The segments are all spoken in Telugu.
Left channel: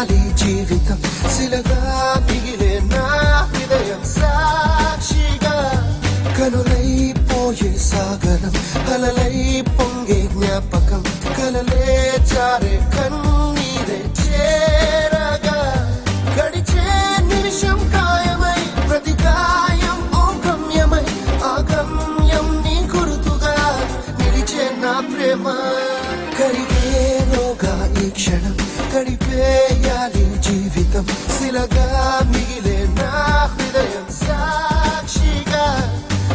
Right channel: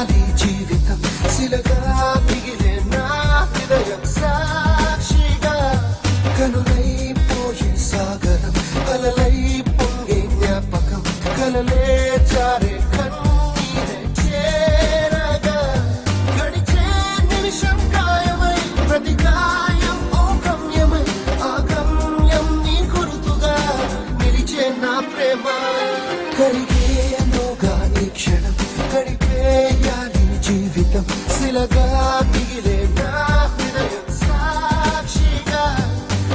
వేయాలి జీవితం శిలగా మిగిలే నా హృదయం సాక్షిగా కనులైపోయే సాగరం కలలై పొంగే జ్ఞాపకం కలలే జారే కన్నీరే చేరగా గడిచే నిమిషం ఖాయమై ప్రతి గాయం ఓ గమ్యమై ఆ గమ్యం నీ గురుతుగా నిలిచే నా ప్రేమ కరిగేలోగా ఈ క్షణం గడిపేయాలి జీవితం శిలగా మిగిలే నా హృదయం సాక్షిగా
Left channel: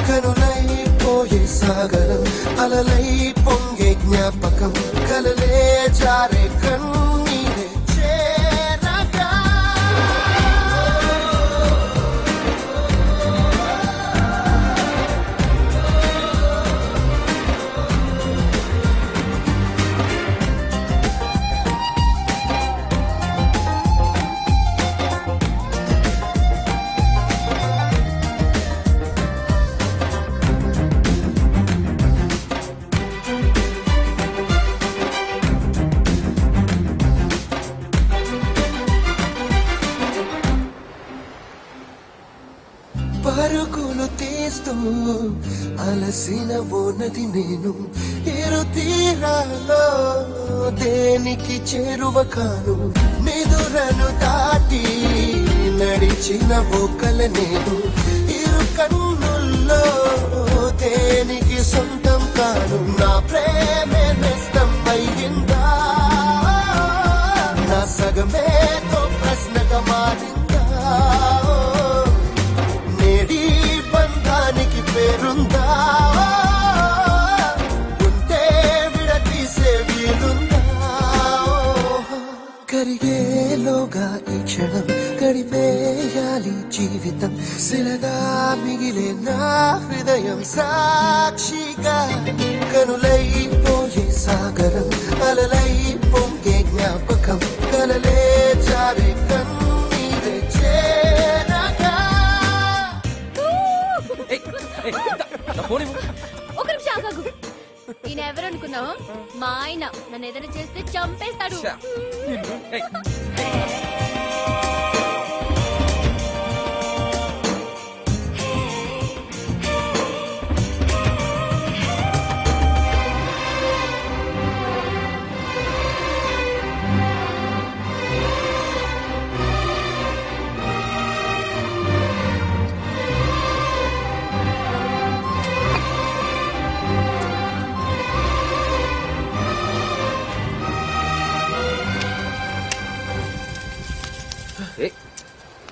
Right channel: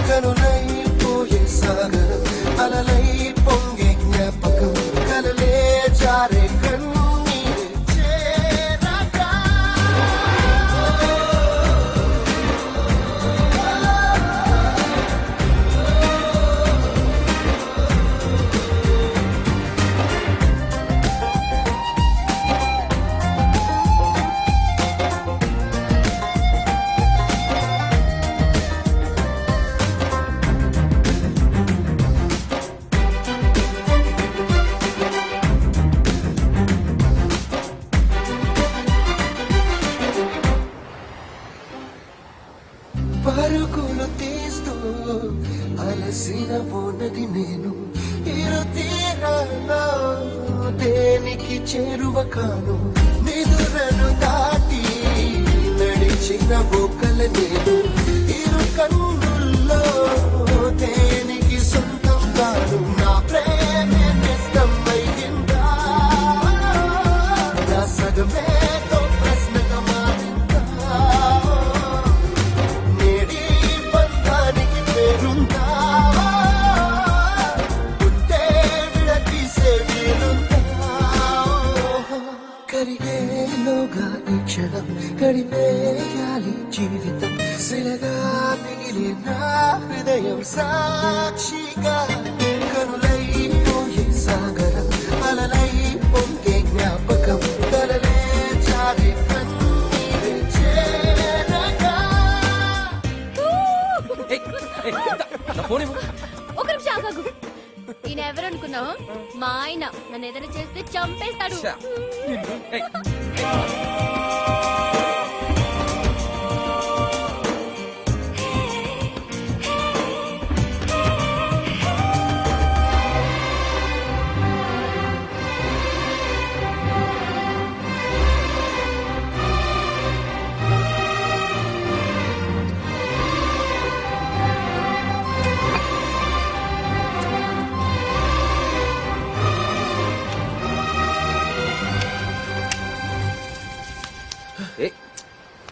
కనులైపోయే సాగరం అలలై పొంగే జ్ఞాపకం కలలే జారే కన్నీరే చేరగా పరుగులు తీస్తూ అలసిన ఉన్నది నేను ఇరు తీరాలో దేనికి చేరువ కాను నిదురను దాటి నడిచిన బొక్కల నేను ఇరు కన్నుల్లో దేనికి సొంతం కాను నా ప్రేమే నిస్తం అయ్యిందా నా సగమేతో ప్రశ్నగా మారిందా పేరుందా ఉంటే విడతీసే వీలుందా కరిగేలోగా ఈ క్షణం గడిపేయాలి జీవితం శిలగా మిగిలే నా హృదయం సాక్షిగా కనులైపోయే సాగరం అలలై పొంగే జ్ఞాపకం కలలే జారే కన్నీరే చేరగా ఒక నిమిషం ఆగాగు. ఈయన ఎవరనుకున్నావు? మా ఆయన నన్ను ఏదైనా చేస్తే చంపేస్తాడు.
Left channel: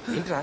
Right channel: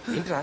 ఏంట్రా